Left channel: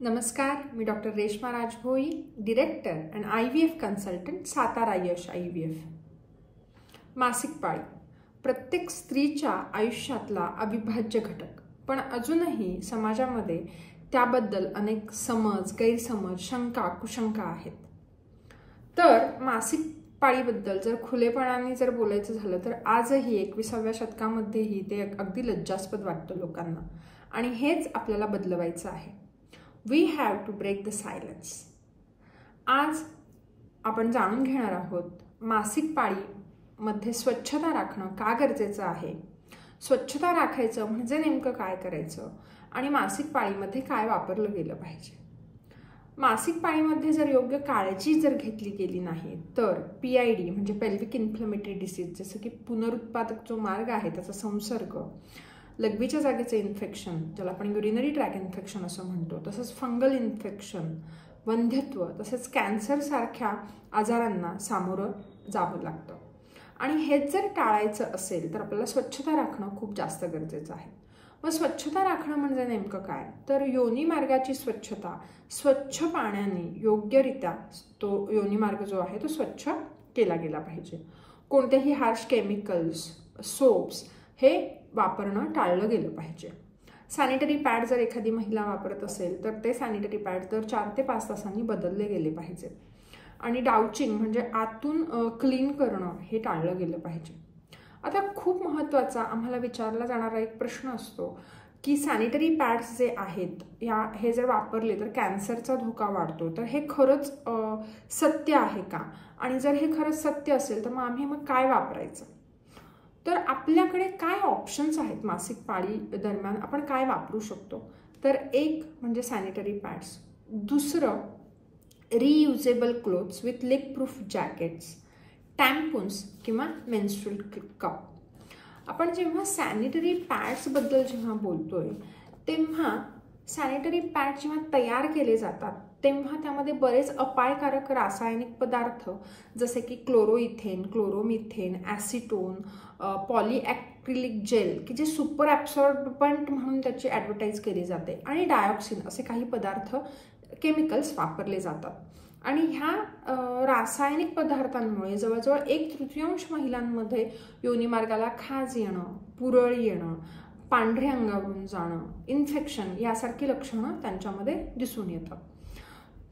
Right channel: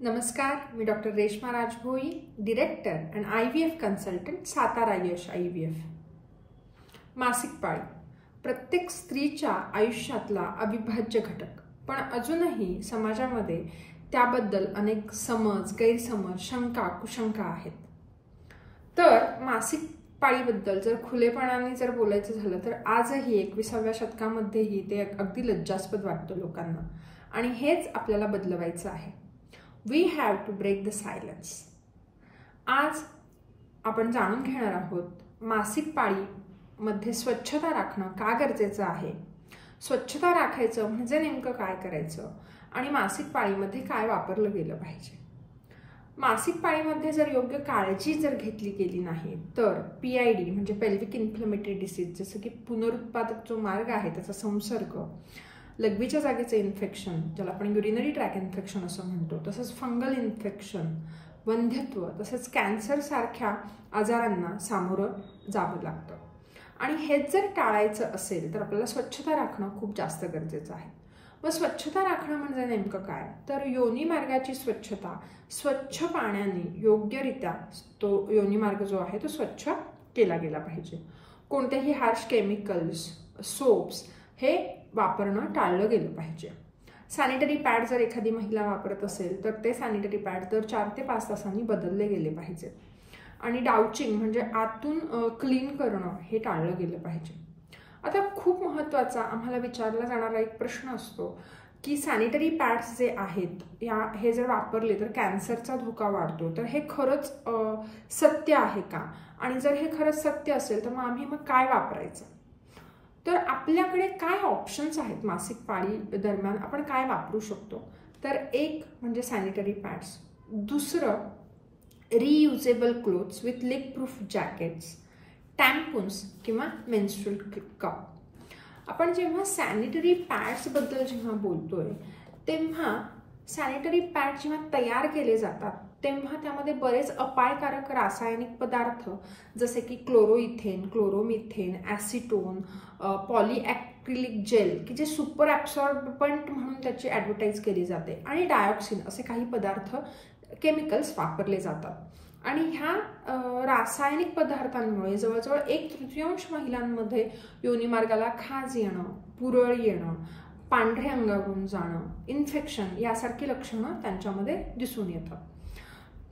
नमस्कार, मी doctor Reshma Rajbhoi, director and IVF consultant, Satara Yash IVF. मासिक पाळी प्रत्येक स्त्रीच्या आयुष्यातला अविभाज्य घटक, पण अजूनही समाजामध्ये त्याबद्दल अनेक समज, गैरसमज, शंका, कुशंका आहेत. तर मासिक पाळीबद्दल जर खुलेपणाने जर बोलायचं झालं तर आजही 21व्या शतकामध्येही ते अगदी लज्जास्पद वाटतं लोकांना, आणि हेच आपल्याला बदलवायचं आहे. We have to break the silence. आज आपण जाणून घेणार आहोत मासिक पाळीमध्ये स्वच्छता राखणं का गरजेचं आहे, स्वच्छता राखायचं म्हणजे नेमकं काय करायचं, आणि मासिक पाळीमध्ये काय वापरलं गेलं पाहिजे. मासिक पाळीमध्ये जर योग्य काळजी जर घेतली गेली नाही तर PID म्हणजे पेल्विक इन्फ्लेमेटरी डिसीज, जसं की पुनरुत्पादक जो मार्ग आहे त्याचा संसर्ग, लघवीच्या जागेचं इन्फेक्शन ज्याला आपण युरिनरी ट्रॅक इन्फेक्शन असं म्हणतो, तसंच फंगल इन्फेक्शन, वंध्यत्व, तसंच कॅन्सर सारख्या आजारांना सामोरं जावं लागतं. आणि हेच जर टाळायचं असेल तर आपल्याला स्वच्छता राखणं खूप जास्त गरजेचं आहे. मग स्वच्छता राखणं म्हणजे नेमकं काय, तर योनी मार्गाची स्वच्छता स्वच्छ पाण्याने योग्यरित्या तो योनी मार्ग जो आहे तो स्वच्छ केला गेला पाहिजे. कोणतेही हार्श केमिकल्स, सोप्स हे वापरणं टाळलं गेलं पाहिजे. सॅनिटरी पॅड जर एखादी महिला वापरत असेल तर ते सॅनिटरी पॅड दर 4 ते 5 तासांनी बदलले गेले पाहिजेत. आणि डाउचिंग म्हणजे आतून क्लीन करणं हे टाळलं गेलं पाहिजे. आता खूप महत्त्वाचा आम्हाला विचारला जाणारा एक प्रश्न असतो की सॅनिटरी पॅड्स जे आहेत हे जर वापरले तर कॅन्सरचा धोका वाढतो, तर हे खरंच सत्य आहे का, आणि जर हे खरंच सत्य असेल तर आम्ही काय वापरायचं. तर आपल्याकडे काय ऑप्शन्स आहेत मासिक पाळी दरम्यान आपण काय वापरू शकतो. तर एक म्हणजे सॅनिटरी पॅड्स, दुसरं reusable cloths with leak proof jackets, tampons किंवा मेन्स्ट्रुअल कप. आपण जेव्हा सॅनिटरी पॅड्सबद्दल जेव्हा बोलतोय तेव्हा सॅनिटरी पॅड जेव्हा तयार केले जातात तेव्हा त्यामध्ये बरेच अपायकारक रासायनिक पदार्थ जसे की क्लोरोइथेन, क्लोरोमिथेन, ॲसिटोन, पॉलीॲक्रिलिक जेल की जे सुपर ॲब्सॉर्बंट म्हणून त्याची ॲडव्हर्टाईज केली जाते, आणि डायऑक्सिन असे काही पदार्थ, केमिकल्स वापरले जातात. आणि ह्या रासायनिक पदार्थांमुळे जवळजवळ 1/3 महिलांमध्ये योनिमार्गाला खाज येणं, पुरळ येणं, पांढरे अंगावरून जाणं, इन्फेक्शन यासारखी लक्षणं त्यांच्यामध्ये दिसून येतात.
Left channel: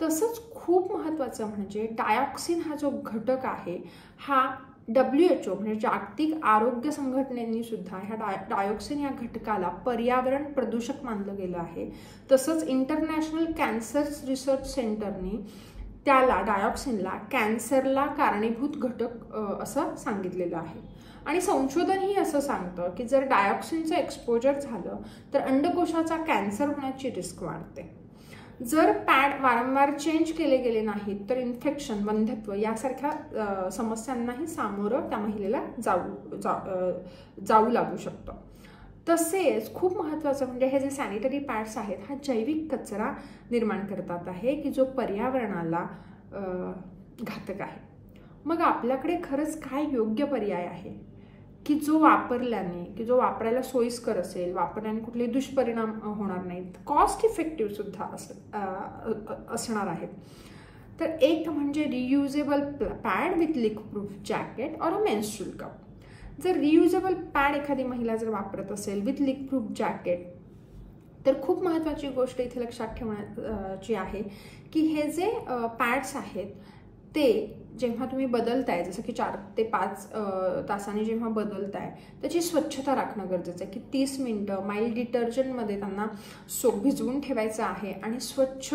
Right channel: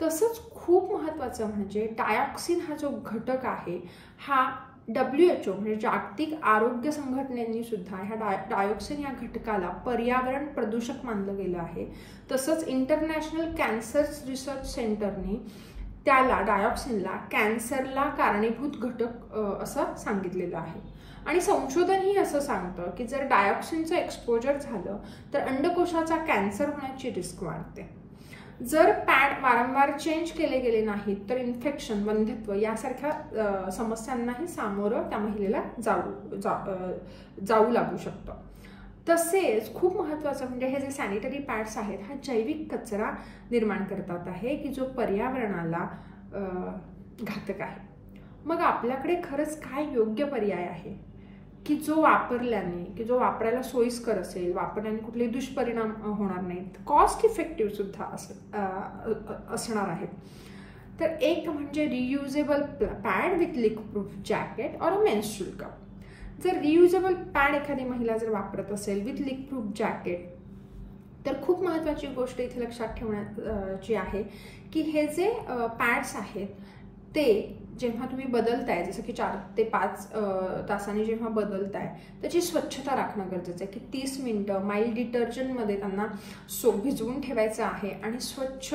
तसंच खूप महत्त्वाचं म्हणजे डायऑक्सिन हा जो घटक आहे हा WHO म्हणजे जागतिक आरोग्य संघटनेने सुद्धा ह्या डायऑक्सिन या घटकाला पर्यावरण प्रदूषक मानलं गेलं आहे. तसंच इंटरनॅशनल कॅन्सर रिसर्च सेंटरने त्याला डायऑक्सिनला कॅन्सरला कारणीभूत घटक असं सांगितलेलं आहे. आणि संशोधनही असं सांगतं की जर डायऑक्सिनचं एक्सपोजर झालं तर अंडकोशाचा कॅन्सर होण्याची रिस्क वाढते. जर पॅड वारंवार चेंज केले गेले नाहीत तर इन्फेक्शन, वंध्यत्व यासारख्या समस्यांनाही सामोरं त्या महिलेला जाऊ लागू शकतं. तसेच खूप महत्त्वाचं म्हणजे हे जे सॅनिटरी पॅड्स आहेत हा जैविक कचरा निर्माण करतात आहे की जो पर्यावरणाला घातक आहे. मग आपल्याकडे खरंच काय योग्य पर्याय आहे की जो वापरायला सोयीस्कर असेल, वापरल्याने कुठलेही दुष्परिणाम होणार नाहीत, कॉस्ट इफेक्टिव्ह सुद्धा असणार आहेत. तर एक म्हणजे reusable pad with leak proof jacket और अ मेन्स्ट्रुअल कप. जर रियुजेबल पॅड एखादी महिला जर वापरत असेल विथ लीक प्रूफ जॅकेट तर खूप महत्त्वाची गोष्ट इथे लक्षात ठेवण्याची आहे की हे जे पॅड्स आहेत ते जेव्हा तुम्ही बदलताय, जसं की 4 ते 5 तासांनी जेव्हा बदलताय त्याची स्वच्छता राखणं गरजेचं आहे की 30 मिनिटं माइल्ड डिटर्जंटमध्ये त्यांना भिजवून ठेवायचं आहे आणि स्वच्छ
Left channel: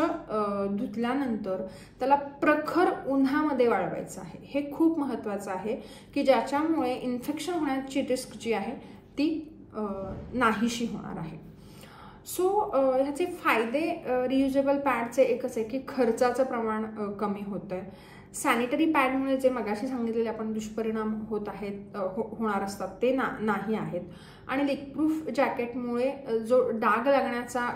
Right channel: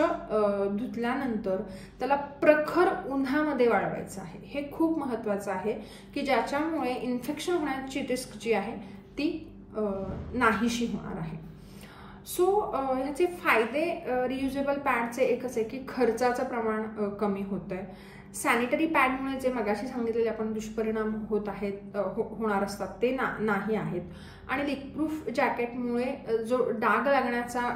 धुतल्यानंतर त्याला प्रखर उन्हामध्ये वाळवायचं आहे. हे खूप महत्त्वाचं आहे की ज्याच्यामुळे इन्फेक्शन होण्याची रिस्क जी आहे ती नाहीशी होणार आहे. सो ह्याचे फायदे रियुजेबल पॅडचे एकच आहे की खर्चाचं प्रमाण कमी होतं आहे. सॅनिटरी पॅडमुळे जे मगाशी सांगितलेले आपण दुष्परिणाम होणार असतात ते नाही आहेत. आणि लीक प्रूफ जॅकेटमुळे जो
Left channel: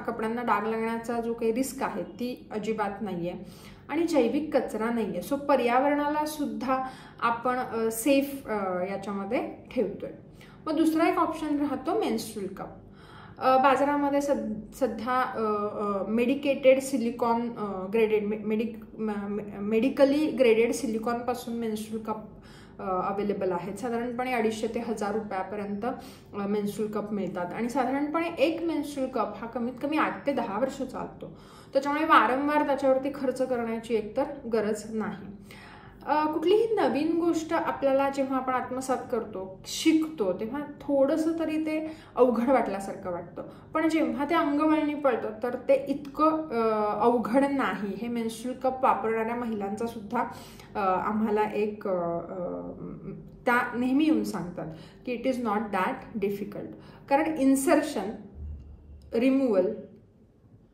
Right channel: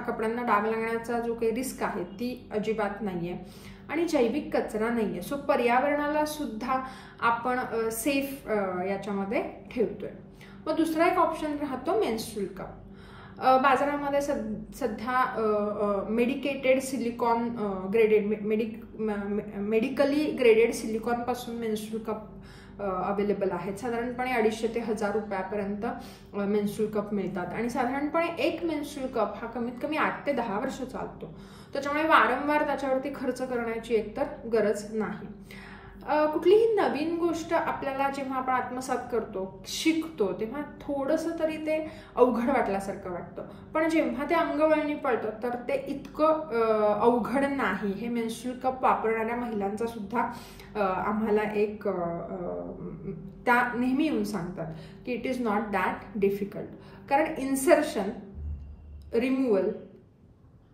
कपड्यांना डाग लागण्याचा जो काही रिस्क आहे ती अजिबात नाही आहे. आणि जैविक कचरा नाही आहे. सो पर्यावरणाला सुद्धा आपण सेफ याच्यामध्ये ठेवतोय. मग दुसरा एक ऑप्शन राहतो मेन्स्ट्रुअल कप. बाजारामध्ये सध्या medicated silicone graded medically graded सिलिकॉनपासून मेन्स्ट्रुअल कप अवेलेबल आहेत. साधारणपणे 250 ते 1000 रुपयापर्यंत मेन्स्ट्रुअल कप मिळतात आणि साधारणपणे एक मेन्स्ट्रुअल कप हा कमीत कमी 8 ते 10 वर्ष चालतो. त्याच्यामुळे वारंवार त्याच्यावरती खर्च करण्याची एकतर गरज नाही. कुठलीही नवीन गोष्ट आपल्याला जेव्हा आपण आत्मसात करतो, शिकतो, तेव्हा थोडंसं तरी ते अवघड वाटल्यासारखं वाटतं. पण जेव्हा ते अंगवळणी पडतं तर ते इतकं अवघड नाही. हे मेन्स्ट्रुअल कप वापरणाऱ्या महिलांचा सुद्धा आम्हाला एक त्या नेहमी येऊन सांगतात की it is not that difficult. कारण इन्सर्शन, रिमूव्हल,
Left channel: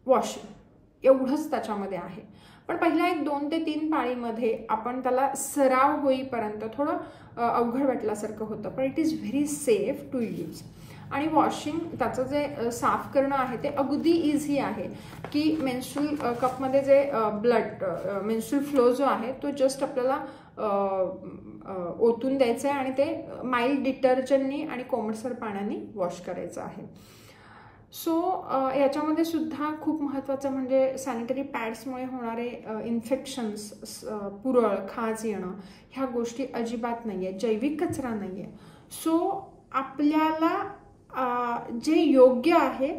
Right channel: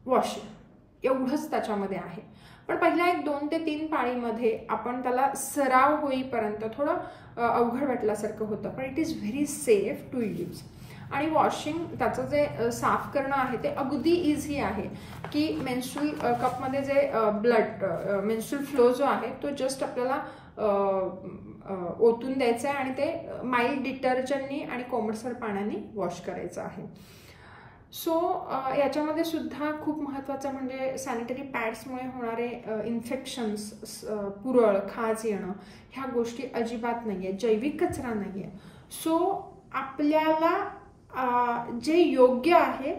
वॉशिंग एवढंच त्याच्यामध्ये आहे. पण पहिल्या 1, 2 ते 3 पाळीमध्ये आपण त्याला सराव होईपर्यंत थोडं अवघड वाटल्यासारखं होतं. पण it is very safe to use. आणि वॉशिंग त्याचं जे साफ करणं आहे ते अगदी इझी आहे की मेन्स्ट्रुअल कपमध्ये जे मेन्स्ट्रुअल फ्लो जो आहे तो जस्ट आपल्याला ओतून द्यायचा आहे आणि ते माइल्ड डिटर्जंटनी आणि कोमटसर पाण्याने वॉश करायचं आहे. सो याच्यामध्ये सुद्धा खूप महत्त्वाचं म्हणजे सॅनिटरी पॅड्समुळे होणारे इन्फेक्शन्स, पुरळ, खाज येणं ह्या गोष्टी अजिबात नाही आहे. जैविक कचरा नाही आहे. सो आपल्याला जे योग्य आहे,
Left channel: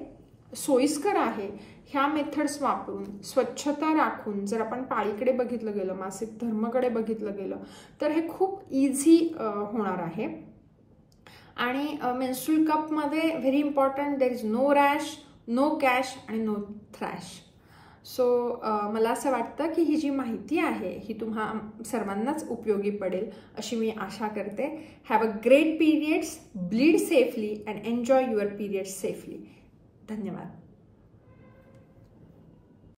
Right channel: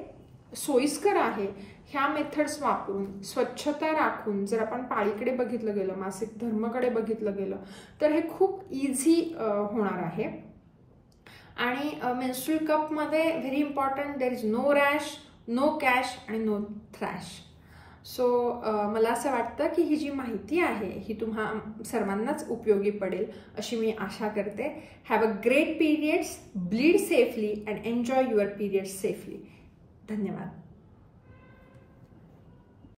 सोयीस्कर आहे, ह्या मेथड्स वापरून स्वच्छता राखून जर आपण पाळीकडे बघितलं गेलं, मासिक धर्मकडे बघितलं गेलं तर हे खूप इझी होणार आहे. आणि मेन्स्ट्रुअल कपमध्ये very important, there is no rash, no cash आणि नो थ्रॅश. सो मला असं वाटतं की ही जी माहिती आहे ही तुम्हा सर्वांनाच उपयोगी पडेल अशी मी आशा करते. Have a great periods, bleed safely and enjoy your periods safely. धन्यवाद.